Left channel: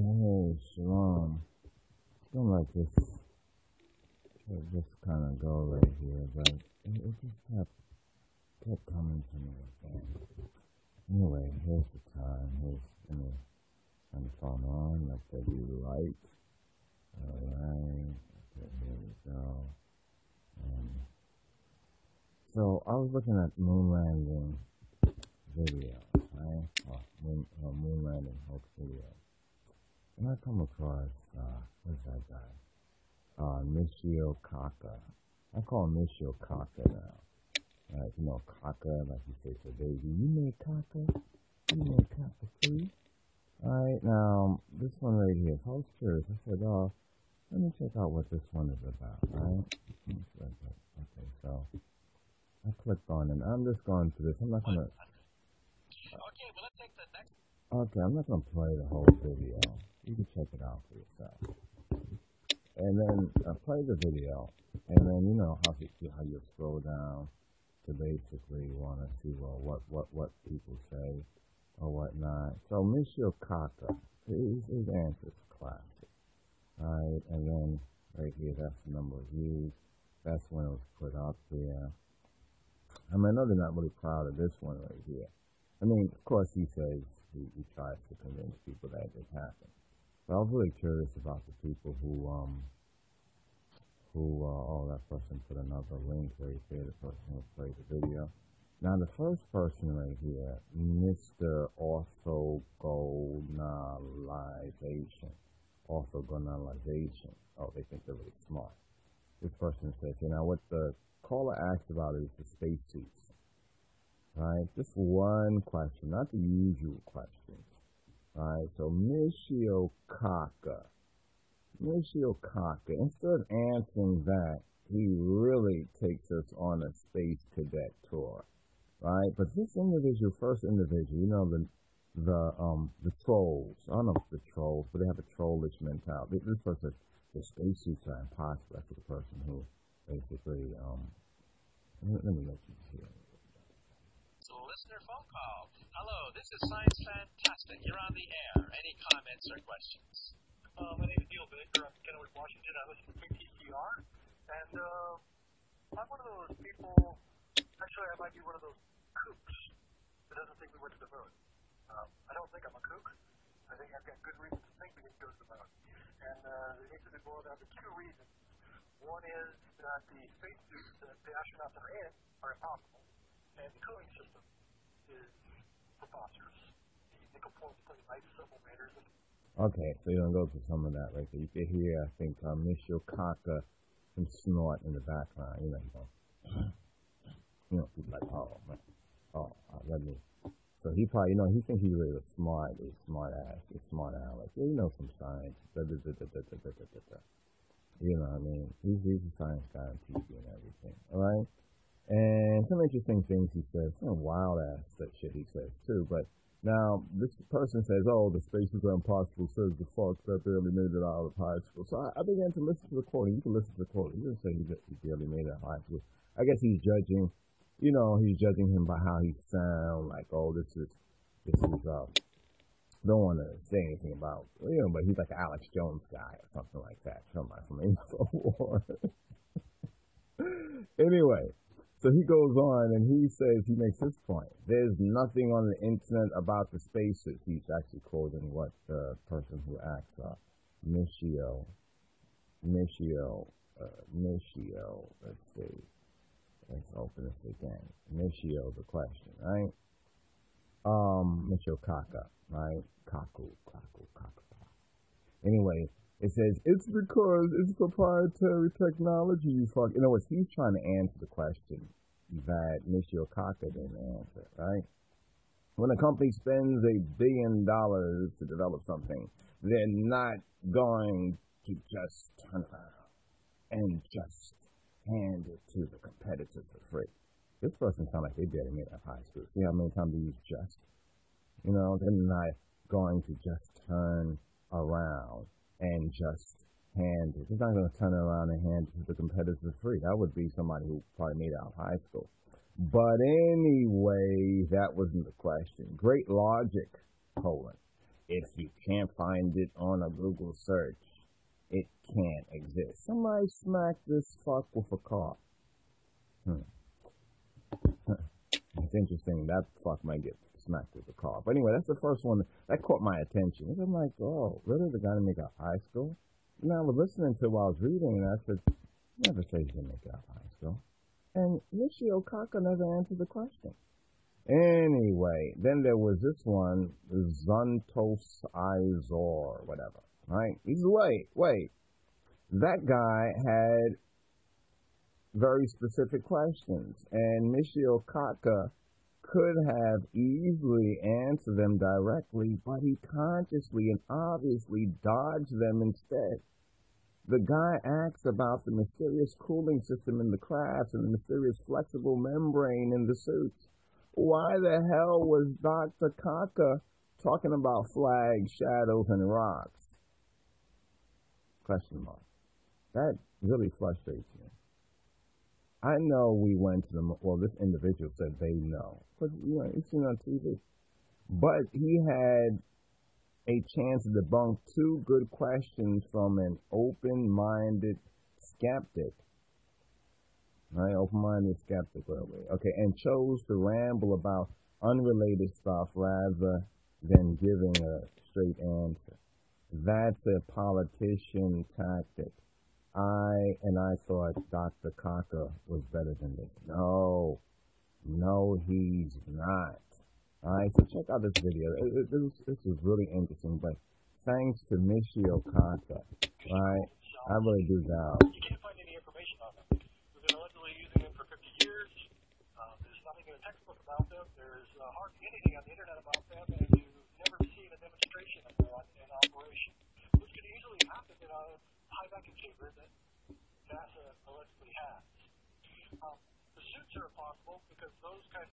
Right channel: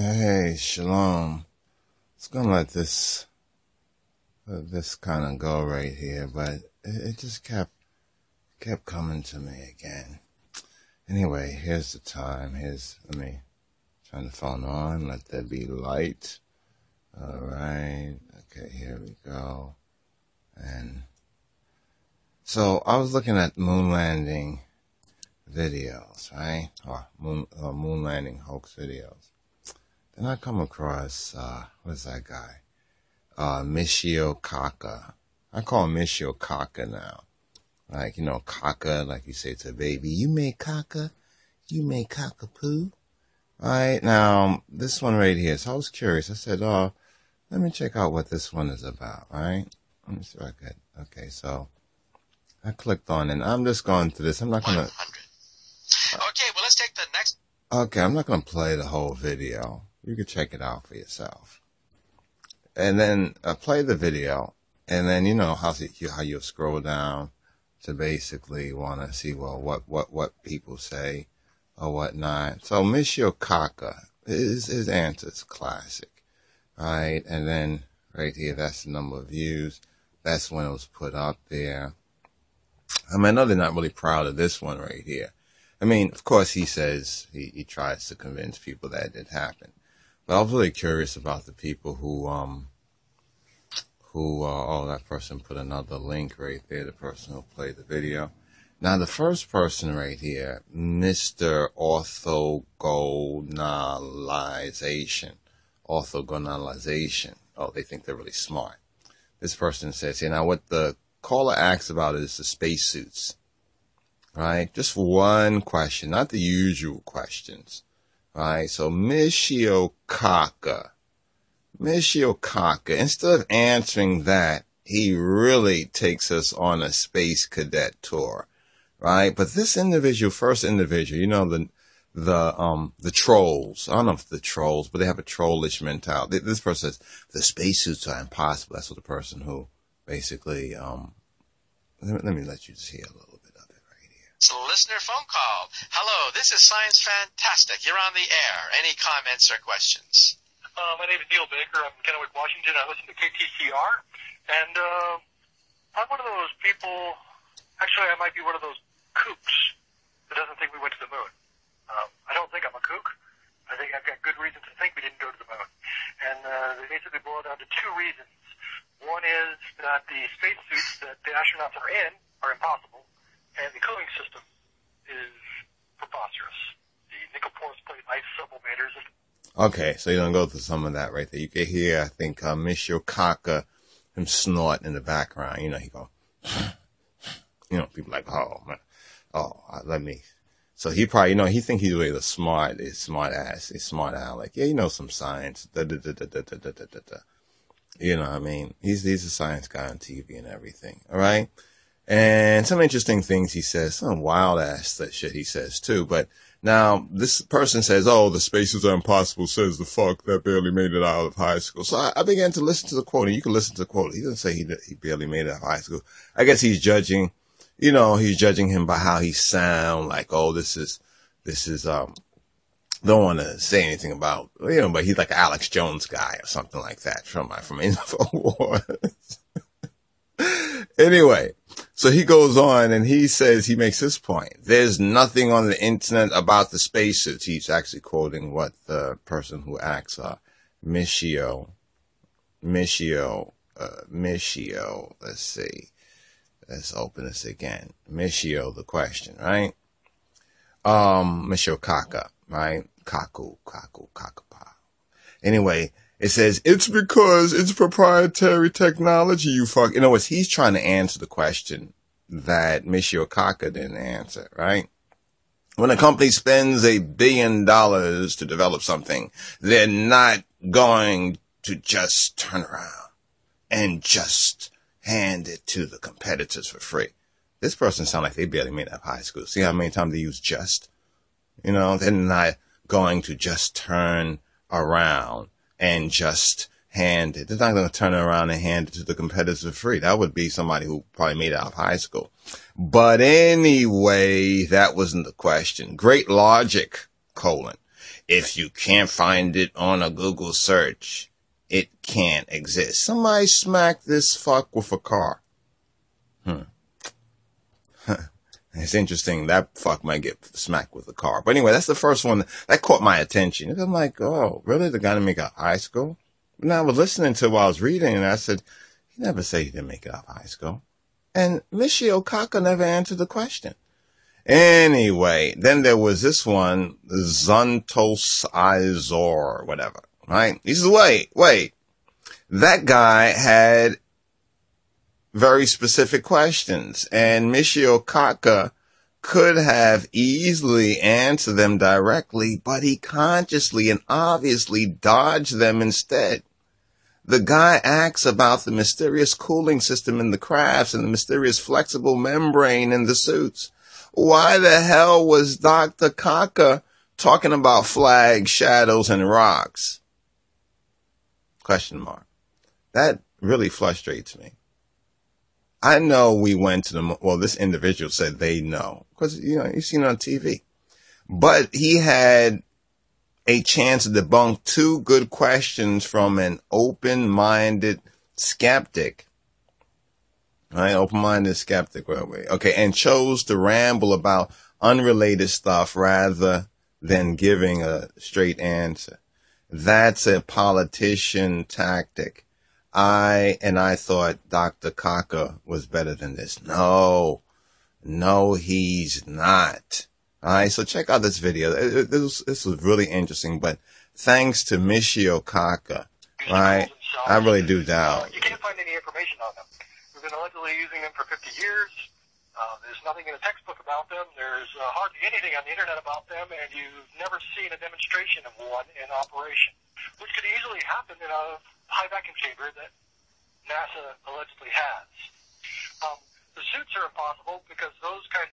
Hey, Shalom. It's gonna let this kind of go right here, but it just kept coming to me again. Anyway, here's the time. Let me turn the phone on. Let there be light. All right. Okay, here we go. And so I was looking at moon landing videos, right? Or moon landing hoax videos. Then I come across, what's that guy? Michio Kaku. I call him Michio Kaku now. Like, caca, like you say to a baby, you made caca? You made cockapoo? Right, now, this one right here. So I was curious. I said, let me check out what this one is about, right? Let me see if I could. Okay, so I clicked on it, and I'm just going through this. I'm not going to... Okay, well, let's take the next... Okay, I'm not going to play the whole video. You can check it out for yourself. And then play the video, and then you know how you scroll down to basically want to see, well, what people say or whatnot. So Michio Kaku, his answer is classic, right? And then right here, that's the number of views. That's when it was put up there. I mean, I know they're not really proud of this one right here. I mean, of course, he says he tries to convince people that it did happen. But I was really curious about the people who that person put another link right there, the person who played the video. Now, the first person right here, Mr. Orthogonalization. Oh, they think they're really smart. This person says, now what the caller asks about is the spacesuits, right? Just one question, not the usual questions, right? So Michio Kaku, instead of answering that, he really takes us on a space cadet tour, right? But this first individual, the trolls. I don't know if the trolls, but they have a trollish mentality. This person says the spacesuits are impossible. That's what the person who basically, let me let you just hear a little bit of it right here. It's a listener phone call. Hello, this is Science Fantastic. You're on the air. Any comments or questions? My name is Neil Baker. I'm in Kennewick, Washington. I listen to KTCR. And I'm one of those people, actually I might be one of those kooks that doesn't think we went to the moon. I don't think I'm a kook. I think I've got good reason to think we didn't go to the moon. And they basically boil down to two reasons. One is that the spacesuits that the astronauts are in are impossible, and the cooling system is preposterous. The nickel porous plate ice sublimators. Okay, so you're going to go through some of that right there. You can hear, I think, Michio Kaku, him snort in the background. He go, people like, oh, man, let me. So he probably, he think he's really the smart aleck. Yeah, some science. You know what I mean? He's a science guy on TV and everything, all right? And some interesting things he says, some wild-ass shit he says, too, but now, this person says, oh, the spaces are impossible, says the fuck that barely made it out of high school. So I began to listen to the quote, and you can listen to the quote. He doesn't say he barely made it out of high school. I guess he's judging him by how he sound, like, oh, this is, don't want to say anything about, but he's like an Alex Jones guy or something like that from InfoWars. Anyway, so he goes on and he says, he makes this point. There's nothing on the internet about the spacesuits. He's actually quoting what the person who asks, Michio, let's see. Let's open this again. Michio, the question, right? Michio Kaku, right? Kaku. Anyway, it says, it's because it's proprietary technology, you fuck. In other words, he's trying to answer the question that Michio Kaku didn't answer, right? When a company spends $1 billion to develop something, they're not going to just turn around and just hand it to the competitors for free. This person sounds like they barely made it out of high school. See how many times they use just? They're not going to just turn around and just hand it. They're not going to turn around and hand it to the competitors for free. That would be somebody who probably made it out of high school. But anyway, that wasn't the question. Great logic, if you can't find it on a Google search, it can't exist. Somebody smacked this fuck with a car. It's interesting. That fuck might get smacked with a car. But anyway, that's the first one that caught my attention. I'm like, oh, really? The guy didn't make it out of high school? And I was listening to while I was reading, and I said, he never said he didn't make it out of high school. And Michio Kaku never answered the question. Anyway, then there was this one, Zontos Izor, whatever, right? He says, wait. That guy had very specific questions, and Michio Kaku could have easily answered them directly, but he consciously and obviously dodged them instead. The guy asks about the mysterious cooling system in the crafts and the mysterious flexible membrane in the suits. Why the hell was Dr. Kaku talking about flags, shadows, and rocks? Question mark. That really frustrates me. I know we went to the, well, this individual said they know, because, you know, you've seen it on TV. But he had a chance to debunk two good questions from an open-minded skeptic. Right? Open-minded skeptic. Okay, and chose to ramble about unrelated stuff rather than giving a straight answer. That's a politician tactic. I thought Dr. Kaku was better than this. No, he's not. All right, so check out this video. This was really interesting, but thanks to Michio Kaku, right? I really do doubt. You can't find any information on them. We've been allegedly using them for 50 years. There's nothing in a textbook about them. There's hardly anything on the internet about them, and you've never seen a demonstration of one in operation, which could easily happen in a high vacuum chamber that NASA allegedly has. The suits are impossible because those kinds